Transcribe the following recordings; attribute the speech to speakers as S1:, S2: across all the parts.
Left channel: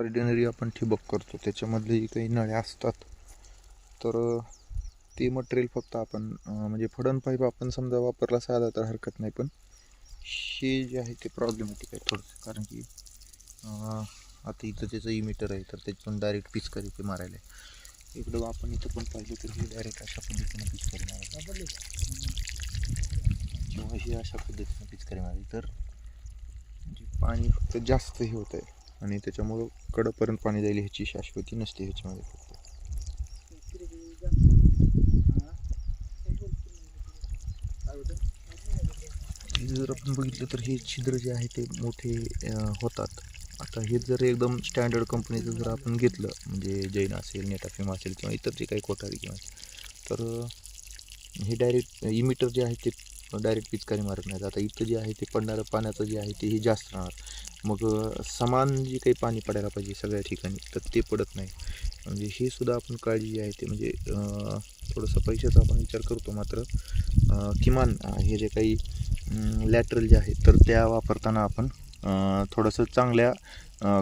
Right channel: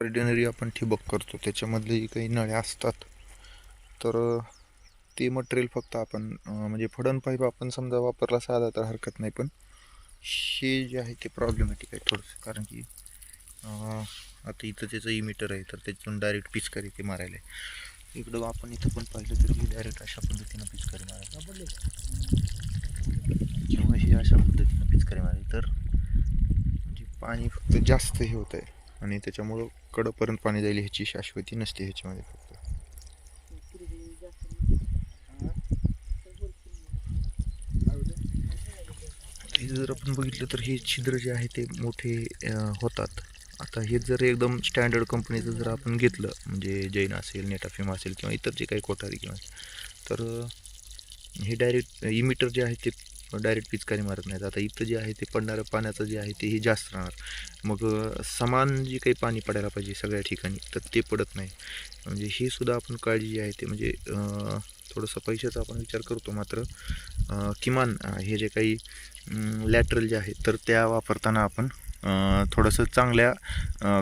S1: Ordinary आपण ठिबक करतो. त्याच्यामधलेही काही नळ्या असतात. तर ते मटेरियल फक्त आपण म्हणजे फडण पाईप आपण समजा वापरला साधा तर हरकत नाही. पण हे जे आहे ते प्रॉब्लेमॅटिक आहे थोडंसं. कारण की आता इथं त्याचं इमीटर आहे. तर त्याच्यातून डायरेक्ट पिचकारी ते मारायला आहे. इकडं आपण इथं पण पाहिलं तर हे डायरेक्ट अशा पद्धतीनं पिचकारी मारायला किंवा हे अशा पद्धतीनं पिचकारी मारायला तर म्हणजे पाणी फक्त जास्त हे होत आहे आणि त्याच्यामुळं कडपर्यंत पाणी जाईल ह्याची शाश्वती नसते ह्याच्यामध्ये फक्त. हे जर आपण बघितलं तर हे छिद्र जे आहे ते मोठे होतात. आता हे जर एकदम स्टँडर्ड कंपनीचं जर आपण घेतलं म्हणजे जैन असेल नेटाफिम असेल किंवा इतर जे काही कोठारी किंवा तर हे डायरेक्ट इमिटर जे आहे ते डायरेक्ट पिचकारी मारत नाहीत. आता इथं जे आहे ते पडणारं पाण्याचं जे आहे ते जास्त राहणार. मग समान जे काही पाणी पडायला पाहिजे सगळ्या ठिकाणी तर ते पडत नाही. म्हणजे ही सुद्धा आपण काळजी जी आहे ते म्हणजे थोडंसं पैशाचा आपण विचार करतो मात्र किमान हे जे काही लॅटरल जे आहे तर त्या वापरताना आपण थोडंसं चांगल्या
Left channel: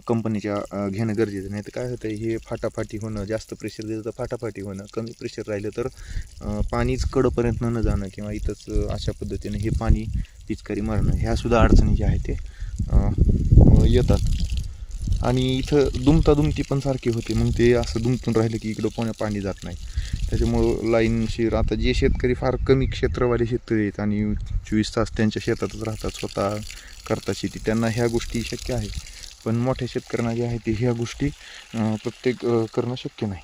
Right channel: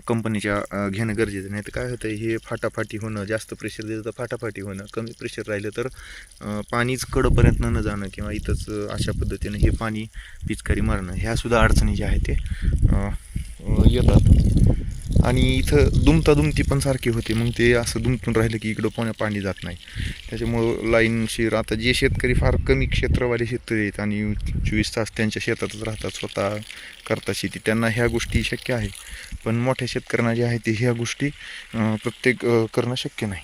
S1: कंपनीच्या घेणं गरजेचं. नाही तर काय होतं हे फाटाफाटी होणं जास्त प्रेशर दिलं तर फाटाफाटी होणं कमी प्रेशर राहिलं तर पाणीच कडपर्यंत न जाणं किंवा इथंच अशा पद्धतीनं हे पाणी पिचकारी मारणं ह्यासुद्धा अडचणी ज्या आहेत ते येतात. आणि इथं दुमता दुमती पण सारखी होते. मग ते असं दुमतून राहिलं की इकडं पोण्या पाणी जात नाही. त्याच्यामुळं लाईनशीर आता जे शेतकरी फार कमी क्षेत्रवाले शेतकरी आहेत आणि चोवीस तास त्यांच्या शेतातच राहतात स्वतः करतात शेती त्यांना ह्या गोष्टी शक्य आहे. पण मोठ्या शेतकऱ्यांना जे आहे ते ह्या गोष्टी प्रत्येक करणं शक्य नाही.